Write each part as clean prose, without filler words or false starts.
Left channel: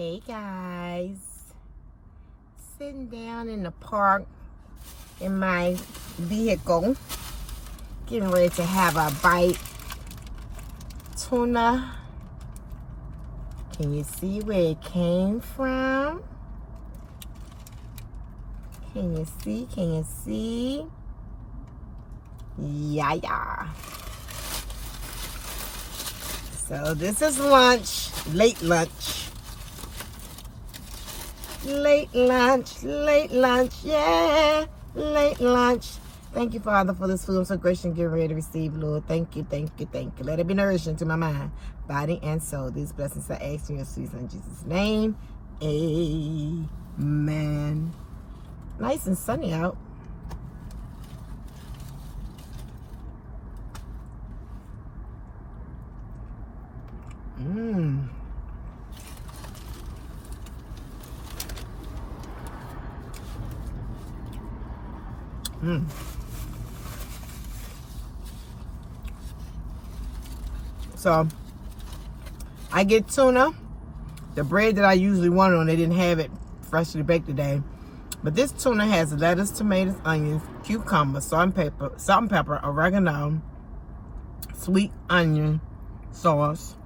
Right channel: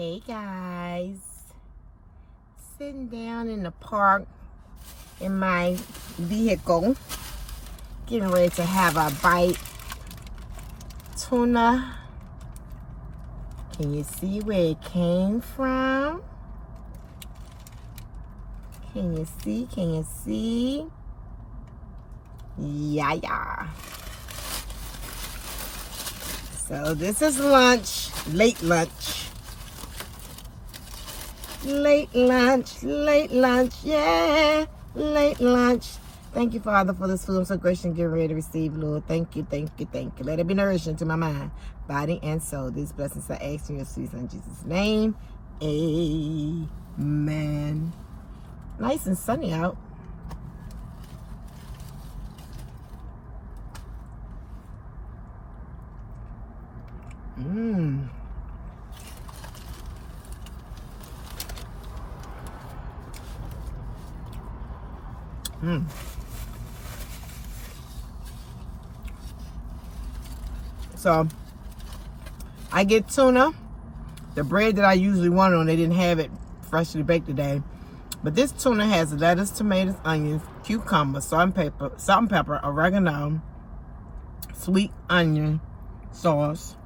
Hey guys, sitting down in the park in my vehicle, getting ready to have a bite. Tuna. Can you see where it came from? Can you see? Can you see? Yeah. So this is lunch, late lunch. Late lunch, yeah, late lunch. Thank you, Father, for this food. I'm so grateful and getting ready to receive, Lord. Thank you. Let it be nourishing to my mind, body, and soul. These blessings I ask in your sweet Son, Jesus' name. Amen. Nice and sunny out. So I get tuna. The bread that I usually want on, they didn't have it freshly baked today. But this tuna has lettuce, tomatoes, onions, cucumber, salt and pepper, oregano, sweet onion sauce,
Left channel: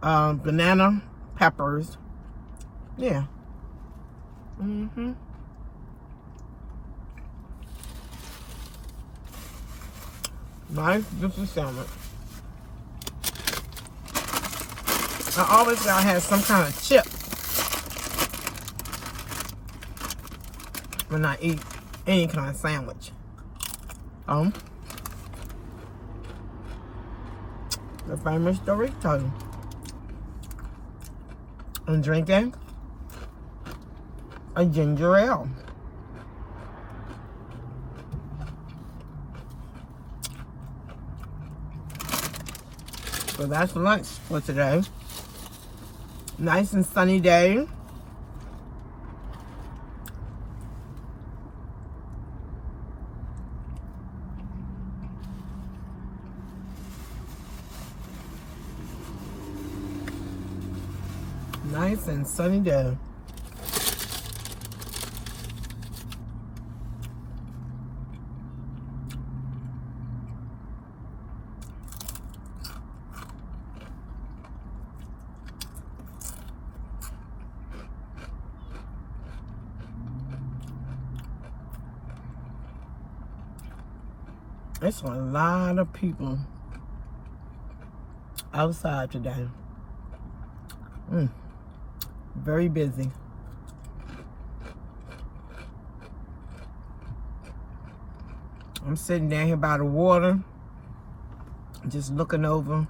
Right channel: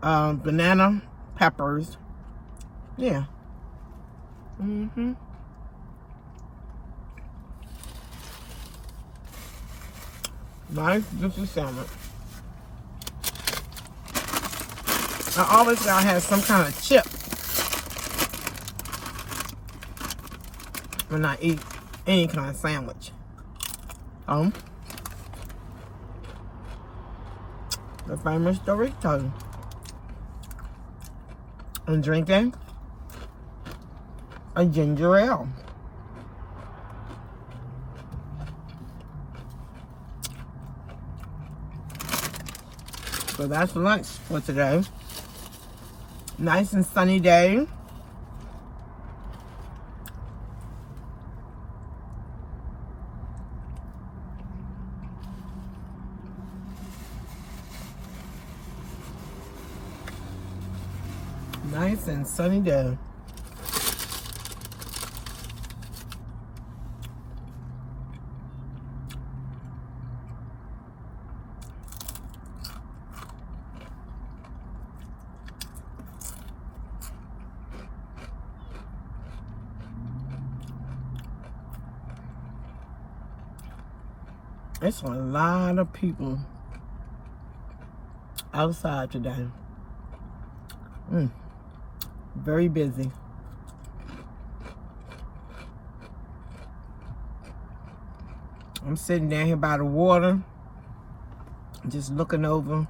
banana peppers. Yeah. Nice juicy salad. I always gotta have some kind of chip when I eat any kind of sandwich. The famous Dorito. And drinking a ginger ale. So that's lunch for today. Nice and sunny day. Nice and sunny day. It's a lot of people outside today. Very busy. I'm sitting down here by the water, just looking over.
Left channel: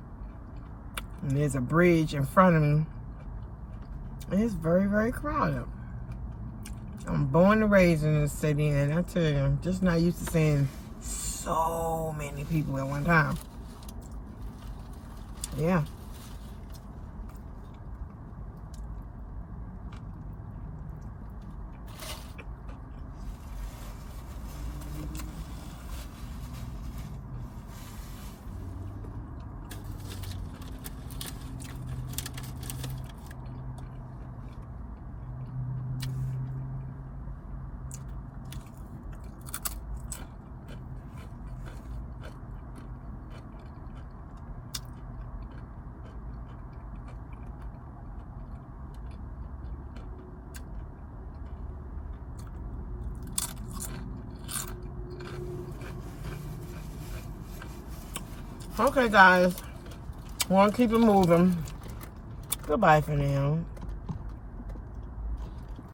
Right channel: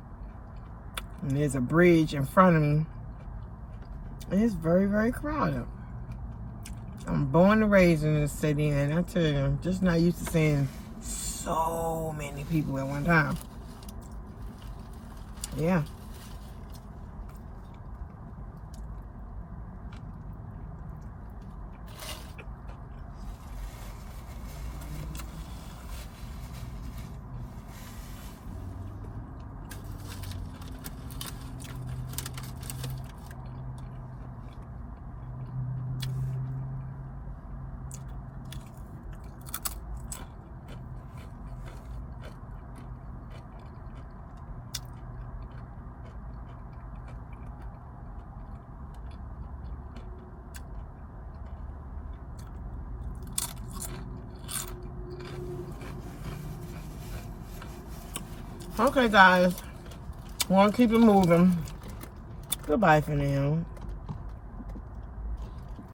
And there's a bridge in front of me. And it's very, very crowded. I'm born and raised in this city, and I tell you, I'm just not used to seeing so many people at one time. Yeah. Okay, guys. Want to keep it moving. Goodbye for now.